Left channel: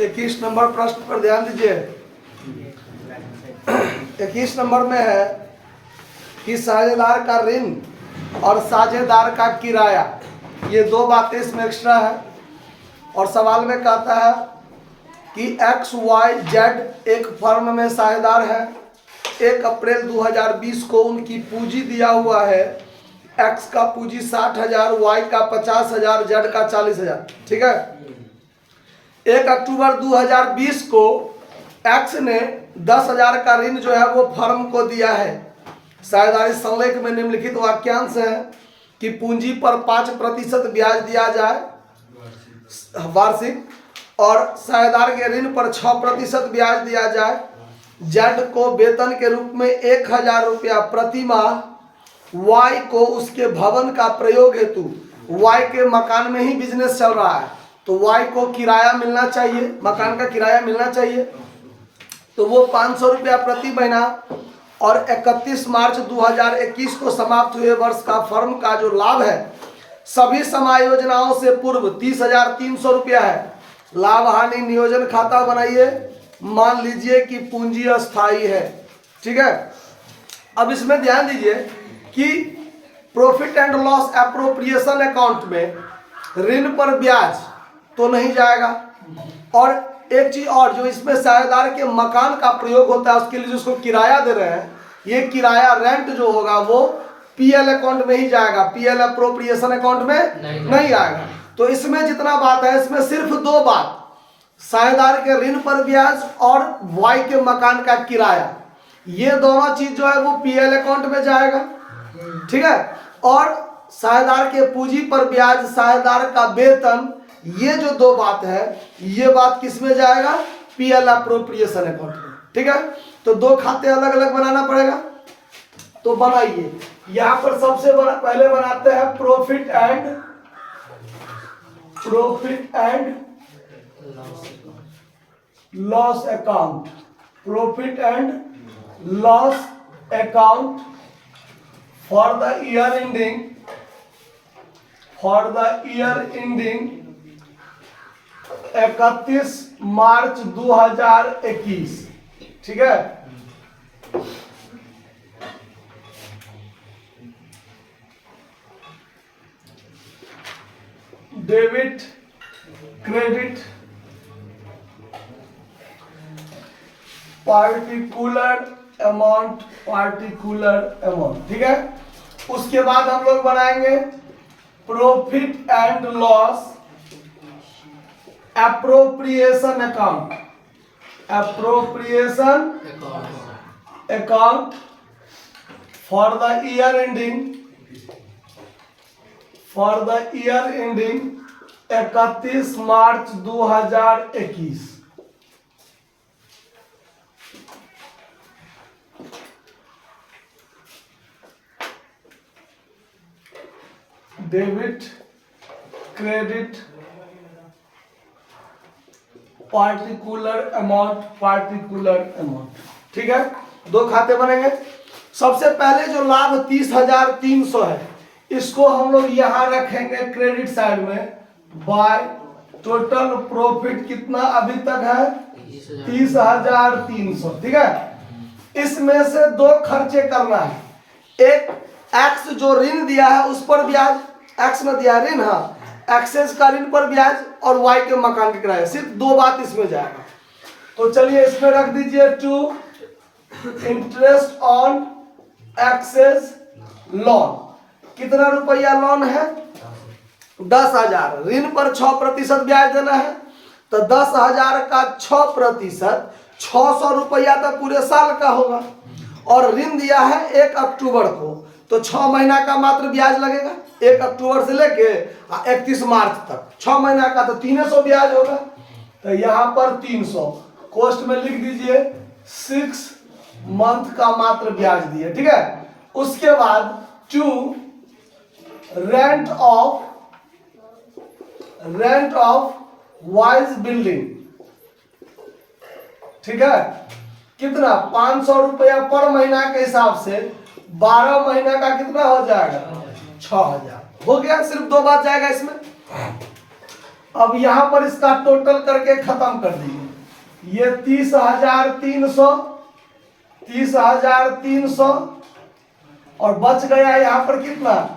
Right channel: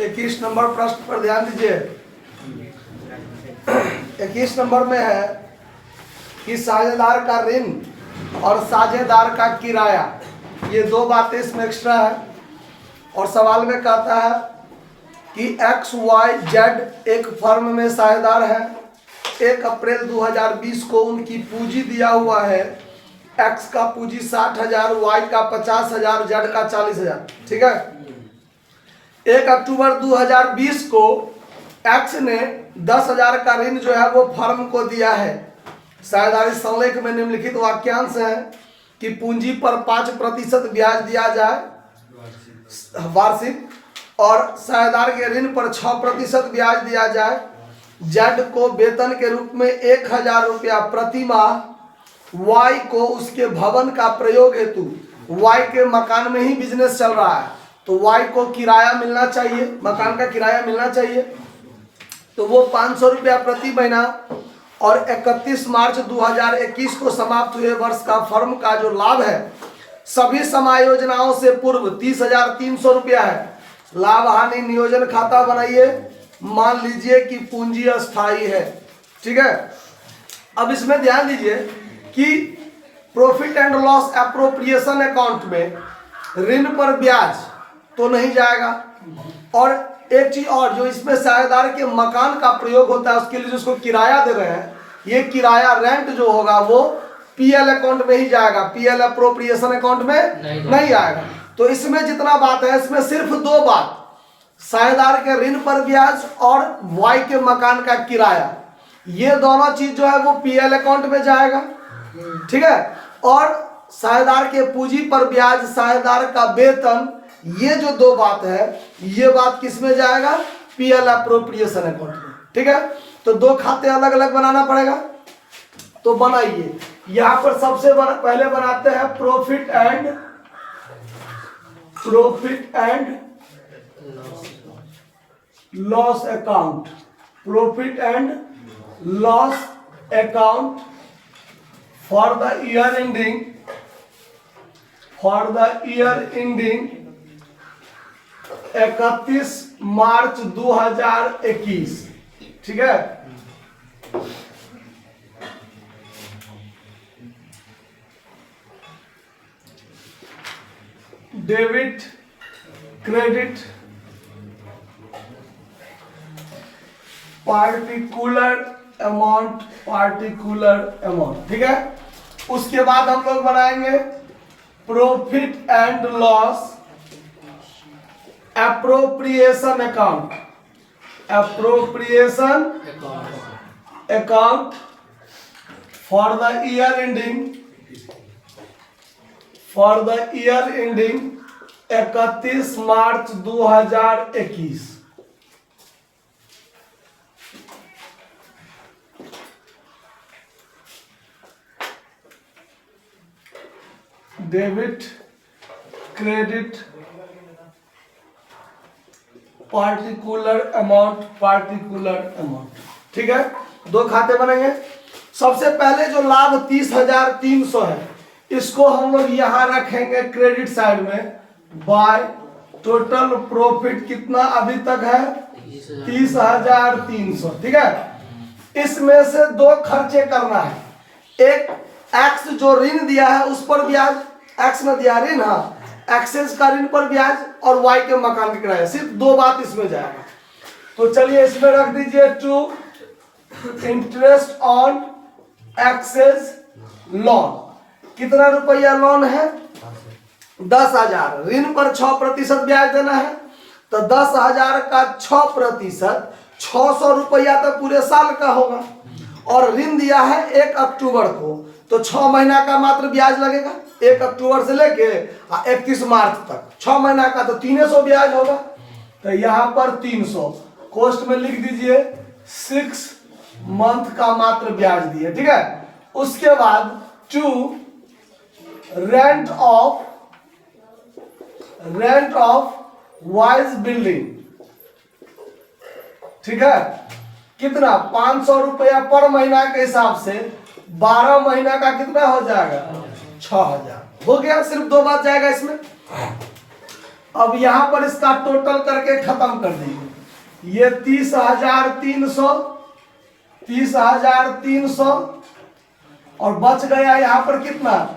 21 number प्रश्न पर ध्यान दीजिए। 21 नंबर में है कि साझेदार का ऋण और साझेदार का किराया, ये दो बातें इसमें एक्स्ट्रा है। और सवाल में कहता है कि XYZ एक फर्म में साझेदार है। 1 अप्रैल 2020 को उनकी पूंजी दिया हुआ है। X का पूंजी 60,000, Y का 50,000, Z का 40,000। ठीक है। 1 अक्टूबर 2020 को X ने 10,000 का ऋण जो है वो फर्म को दिया है। साझेदारी संलेख में निम्नलिखित वाक्यांश है कि पूंजी पर 5% ब्याज दिया जाए वार्षिक, और साझेदार के ऋण पर 6% ब्याज दिया जाए। जेड को वेतन के रूप में 1,000 रुपया प्रति माह, वाई को उसके भवन का प्रयोग हेतु, वाई के मकान में ही बिजनेस चल रहा है तो वाई को किराया मिलना चाहिए, मकान का किराया मिलना चाहिए, तो वो 500 रुपया प्रति महीना। और 31 मार्च 2021 को समाप्त हुए वर्ष का फर्म का जो लाभ है सभी समायोजनाओं से पूर्व 30,300 रुपया है। लाभ हानि नियोजन खाता बनाइए। मान लीजिए कि पूंजी अस्थायी है। ठीक है। अब इसमें ध्यान दीजिए कि profit and loss appropriation account में ऋण पर ब्याज तो नहीं जाएगा। और एक चीज और, जो इसमें साझेदार के मकान का प्रयोग होता है उसके लिए जिसको किराया दे रहे हैं, ये किराया रेंट जो होगा वो पीएल अकाउंट में ही जाएगा, पीएल एप्रोप्रिएशन अकाउंट में नहीं आएगा। तो इसमें जितना बात है इसमें सिर्फ दो बात, साझेदार के ऋण पर ब्याज और वाई के मकान का किराया, ये दोनों चीज जो है वो पीएल अकाउंट में जाएगा। ठीक है। और साझेदार के पूंजी पर ब्याज, साझेदार का वेतन, ये जो दो बात है ये बात किस में जाएगा, पीएल एप्रोप्रिएशन अकाउंट में। ठीक है। तो दो खाते अलग अलग बनाना पड़ेगा, तो बनाइए। यहां पर सबसे पहले बनाते हैं profit and loss account, profit and loss account for the year ending 31 मार्च 2021। ठीक है। Debit credit particular amount. ठीक है। उसके बाद हम लोग बनाएंगे profit and loss appropriation account, for the year ending 31 March 2021। Debit credit particular amount. ठीक है। दो खाते बनेंगे। सबसे पहले जो लाभ 30,300 है इसको हम लोग यहां रखेंगे क्रेडिट साइड में, बाय टोटल प्रॉफिट कितना अभी तक है 30,300। ठीक है। इसमें से दो खर्चे करना है। एक एक्स जो ऋण दिया है उस पर ब्याज, एक्स ने दिया ऋण, हाँ, एक्सेस का ऋण पर ब्याज, और वाई के मकान के किराया, सिर्फ दो बात इसमें जाएगा। तो चलिए इसमें रख दीजिए to interest on excess loan. कितना रुपया लोन है 10,000। ऋण पर 6% ब्याज देना है तो 10,000 का 6% 600 रुपया तो पूरे साल का होगा। और ऋण दिया है 1 अक्टूबर को तो 6 महीना का मात्र ब्याज लगेगा, 1 अक्टूबर से लेके 31 मार्च तक 6 महीना का, तो 300 ब्याज होगा। तो यहाँ पर 300 कॉस्ट में लिख दीजिए, 6 मंथ का मात्र ब्याज दिए। ठीक है। उसके बाद to rent of wise building. ठीक है। कितना 500 रुपया पर महीना के हिसाब से 12 महीना का कितना हो जाएगा 6,000 हो गया। सिर्फ दो बात जाएगा इसमें। अब यहां पर इसका टोटल करके खत्म कर दीजिए। ये 30,300 और बच गया यहां पर कितना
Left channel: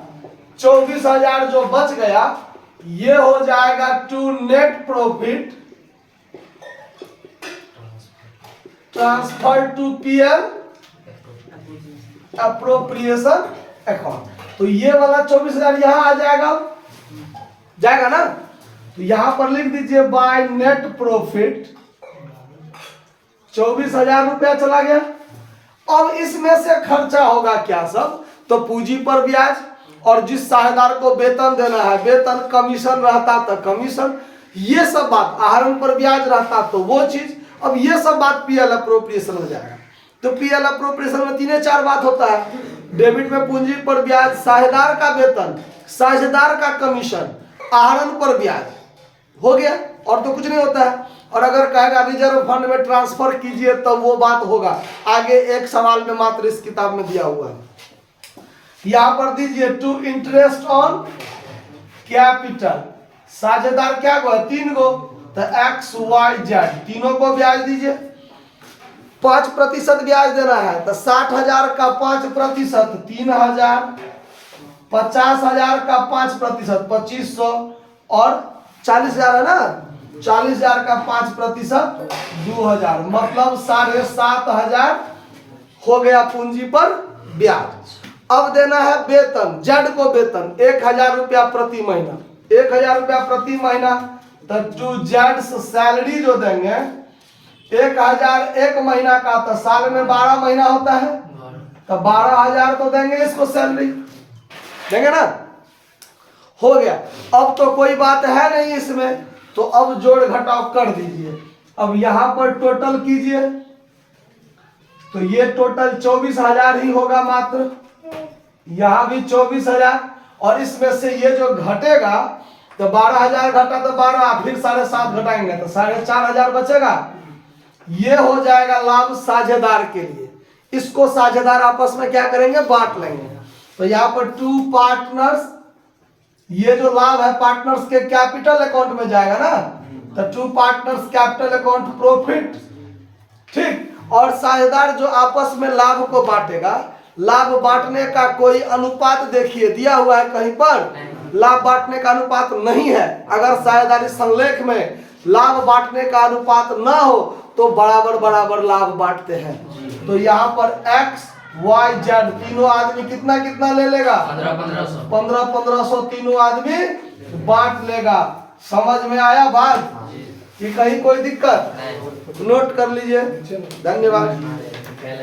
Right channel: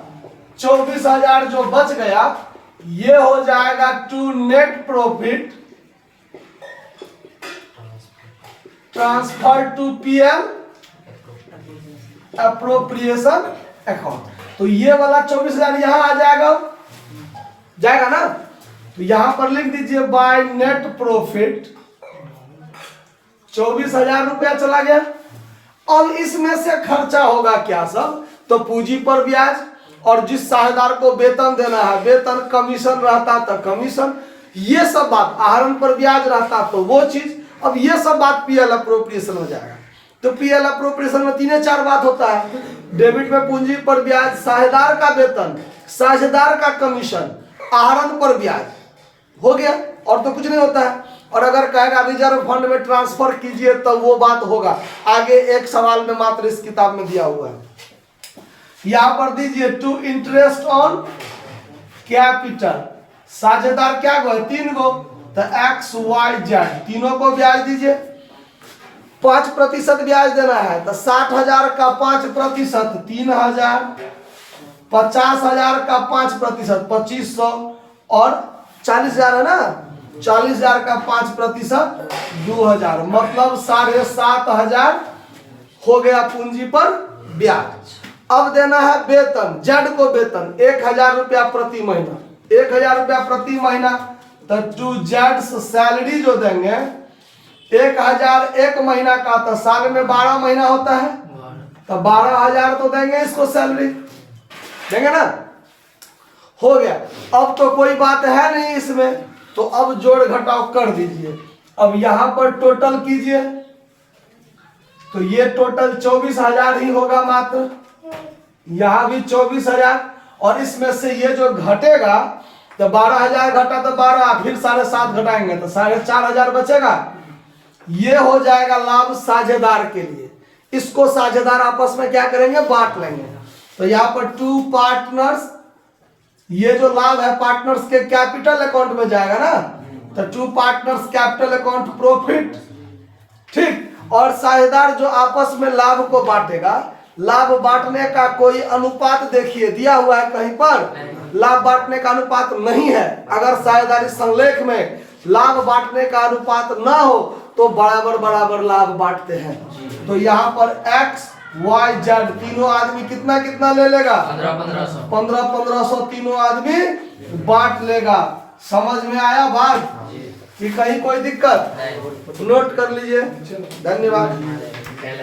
24,000 जो बच गया ये हो जाएगा to net profit transfer to PL appropriation account. तो ये वाला 24,000 यहां आ जाएगा ना। तो यहां पर लिख दीजिए बाय नेट प्रॉफिट 24,000 रुपया चला गया। अब इसमें से खर्चा होगा क्या सब, तो पूंजी पर ब्याज, और जिस साझेदार को वेतन देना है वेतन, कमीशन रहता तो कमीशन, ये सब बात, आहरण पर ब्याज रहता तो वो चीज। अब ये सब बात पीएल अप्रोप्रिएशन हो जाएगा। तो पीएल अप्रोप्रिएशन में 3-4 बात होता है। डेबिट में पूंजी पर ब्याज, साझेदार का वेतन, साझेदार का कमीशन, आहरण पर ब्याज हो गया, और तो कुछ नहीं होता है। और अगर कहेगा रिजर्व फंड में ट्रांसफर कीजिए तो वो बात होगा आगे एक सवाल में मात्र इस किताब में दिया हुआ है। यहां पर दीजिए टू इंटरेस्ट ऑन कैपिटल, साझेदार क्या गो है 3 गो, तो XYZ तीनों को ब्याज दीजिए। 5% ब्याज देना है तो 60,000 का 5% 3,000, 50,000 का 5% 2,500, और 40,000 है ना, 40,000 का 5% 2,000, मतलब 7,500 हो गया पूंजी पर ब्याज। अब देना है वेतन, जेड को वेतन 1,000 रुपया प्रति महीना, 1,000 रुपया प्रति महीना। तो टू जेड सैलरी जो देंगे 1,000 एक महीना का, तो साल में 12 महीना होता है, तो 12,000 तो देंगे इसको सैलरी, देंगे ना। हो गया। अब तो कोई बात है नहीं इसमें, तो अब जोड़ घटाव कर दीजिए। अब यहां पर टोटल कीजिए तो ये टोटल 24,000 ही होगा मात्र, यहां भी 24,000, और इसमें से ये जो घटेगा तो 12,000 घटा तो 12, फिर 7.5 घटाएंगे तो 4,500 बचेगा। ये हो जाएगा लाभ साझेदार के लिए। इसको साझेदार आपस में क्या करेंगे, बांट लेंगे। तो यहाँ पर 2 पार्टनर्स, ये जो लाभ है पार्टनर्स के कैपिटल अकाउंट में जाएगा ना, तो 2 पार्टनर्स कैपिटल अकाउंट प्रॉफिट, ठीक। और साझेदार जो आपस में लाभ को बांटेगा, लाभ बांटने का कोई अनुपात देखिए दिया हुआ है कहीं पर, लाभ बांटने का अनुपात नहीं है। अगर साझेदारी संलेख में लाभ बांटने का अनुपात ना हो तो बराबर बराबर लाभ बांटते हैं। तो यहाँ पर XYZ तीनों आदमी कितना कितना ले लेगा, 1500 तीनों आदमी बांट लेगा। समझ में आया बात कि कहीं कोई दिक्कत, नोट कर लीजिए। धन्यवाद।